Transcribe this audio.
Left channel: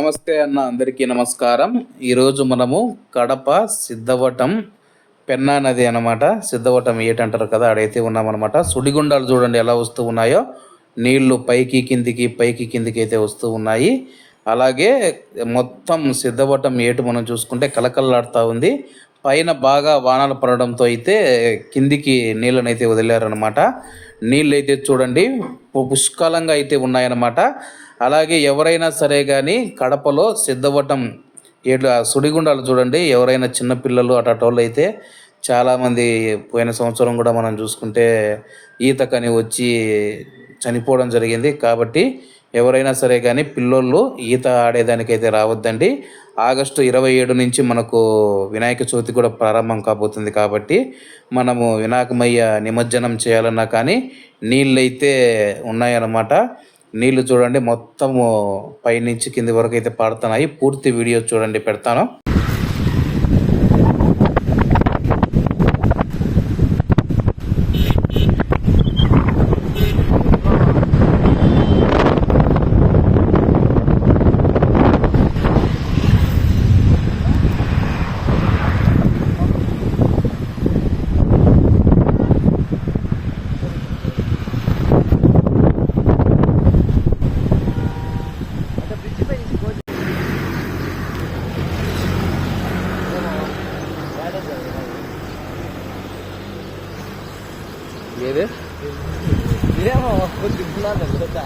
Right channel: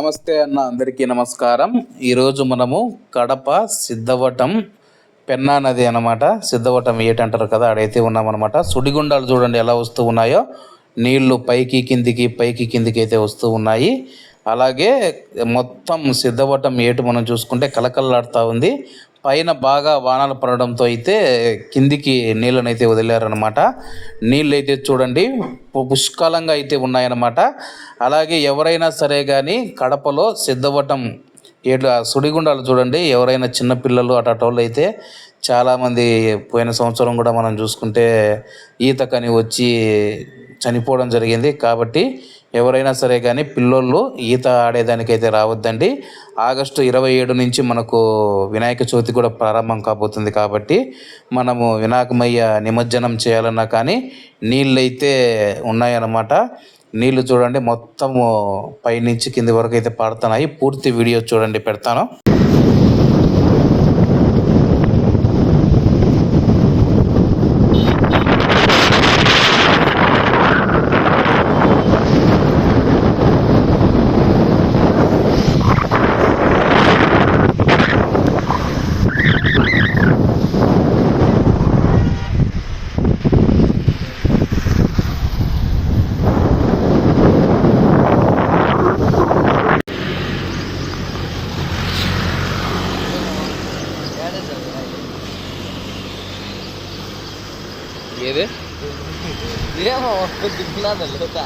నమస్తే అన్న, అందరికీ నమస్కారం. ఈరోజు మనము కడప సిద్ధవటం పెన్నా నది అన్నమాట. సిద్ధవటం ఏటంటారు కదా, ఆడైతే ఉన్నామన్నమాట. సుడిగుండాలు చూడండి ఎలా వస్తూ ఉన్నాయో, నీళ్లు పైకి కిందికి పైకి కిందికి అయితే వస్తూ ఉన్నాయి. అలాగే మొత్తం సిద్ధవటం ఏటు మనం చూసుకుంటే కలకల్లాడుతూ ఉంది. పైన బాగా వానలు పడడంతో అయితే కిందికి నీళ్ళనైతే వదిలారనమాట. నీళ్ళు అయితే చూడండి పుష్కలంగా అయితే ఉన్నాయన్నమాట. అలాగే ఎవరైనా సరే కానీ కడపలో సిద్ధవటం ఏడు సుడిగుండాలు చూడండి, ఎవరైనా చిన్నపిల్లలు అటోళ్ళు అయితే చాలామంది పోయిన సంవత్సరం కూడా మనం చూసుకుంటే ఈతకని వచ్చి చనిపోవడం జరిగింది. కాబట్టి ఎవరైనా సరే కానీ పిల్లోళ్ళు ఈత ఆడేదానికైతే రావద్దండి. ఆగస్టు 27 నుంచి మనకు వినాయక చవితి కూడా ప్రారంభం కాబోతుంది. కాబట్టి మనము వినాయకమయ్య నిమజ్జనం చేయాలన్నా కానీ నీళ్ళైతే ఉన్నాయన్నమాట. నీళ్లు చూడండి మొత్తము పైనుంచి కింది వరకు అయితే పాడుతున్నాయి. పూర్తి వీడియో చూడండి, పెడతాను. ఏది ఏమో దిగుతున్నా తెలుసా